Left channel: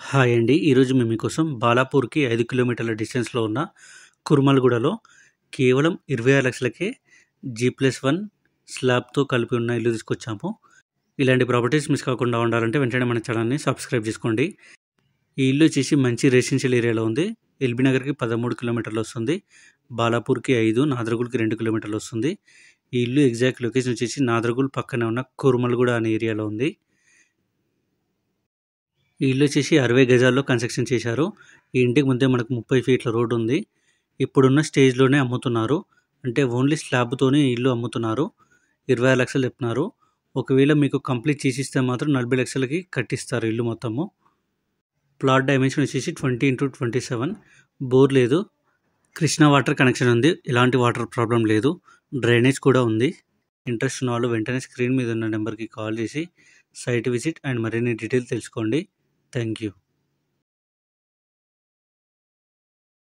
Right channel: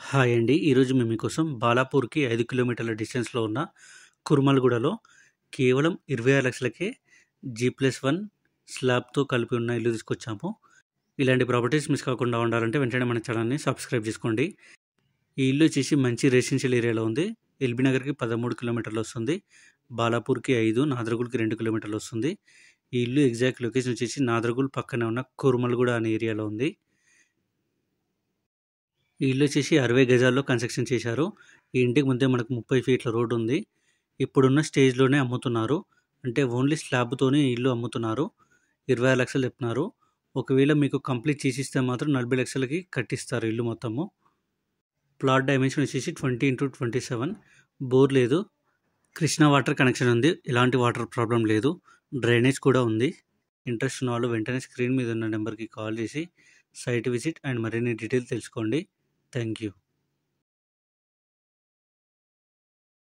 Hi అండి. ఈరోజు మేము మీకోసం బాలాపూర్‌కి 5 కిలోమీటర్ల డిస్టెన్స్‌లో ఉన్న కుర్మల్‌గూడలో కేవలం 26 లక్షలకే జీ+1 స్లాబ్‌తో కలిపి ఉన్న ఇల్లు తీసుకొచ్చాము. ఇలాంటి ప్రాపర్టీస్ మిస్ కాకుండా ఉండాలంటే వెంటనే మన ఛానల్‌ని సబ్స్క్రైబ్ చేసుకోండి. ఈ ఇల్లు వచ్చేసి మంచి రెసిడెన్షియల్ ఏరియాలో ఉంది. ఎల్బీ నగర్‌కి 13 కిలోమీటర్లు వస్తుంది. బాలాపూర్‌కి 5, నాదర్‌గూల్‌కి 2 కిలోమీటర్లు వస్తుంది. ఈ ఇల్లు ఎగ్జాక్ట్ లొకేషన్ వచ్చేసి నాదర్‌గూల్ పక్కనే ఉన్న కుర్మల్‌గూడ అనే ఏరియాలో ఉంది. ఈ ఇల్లు వచ్చేసి 60 గజాల్లో కన్స్ట్రక్షన్ చేశారు. ఈ ఇంటికి ముందే మనకు 30 ఫీట్ల రోడ్డు ఉంది. ఇప్పుడున్న స్టేజ్‌లోనే అమ్ముతున్నారు. అంటే ఓన్లీ స్లాబ్‌తోనే ఇల్లు అమ్ముతున్నారు. 26 లక్షలు చెప్తున్నారు. ఒకవేళ మీకు కంప్లీట్ చేసిస్తే మాత్రం 40 లక్షలకి కట్టిస్తారు ఇల్లు మొత్తము. ప్లాట్ డైమెన్షన్ వచ్చేసి 20x27. బోర్ లేదు. కృష్ణా వాటర్ కనెక్షన్ ఉంది. ఎలాంటి వాటర్ ప్రాబ్లం లేదు. డ్రైనేజ్ కూడా ఉంది. ఇంట్రెస్ట్ ఉన్న వాళ్ళు వెంటనే స్క్రీన్ మీద ఉన్న నెంబర్కి కాల్ చేసి సైట్ విజిట్ అండ్ మరిన్ని డీటెయిల్స్ తెలుసుకోండి. Thank you.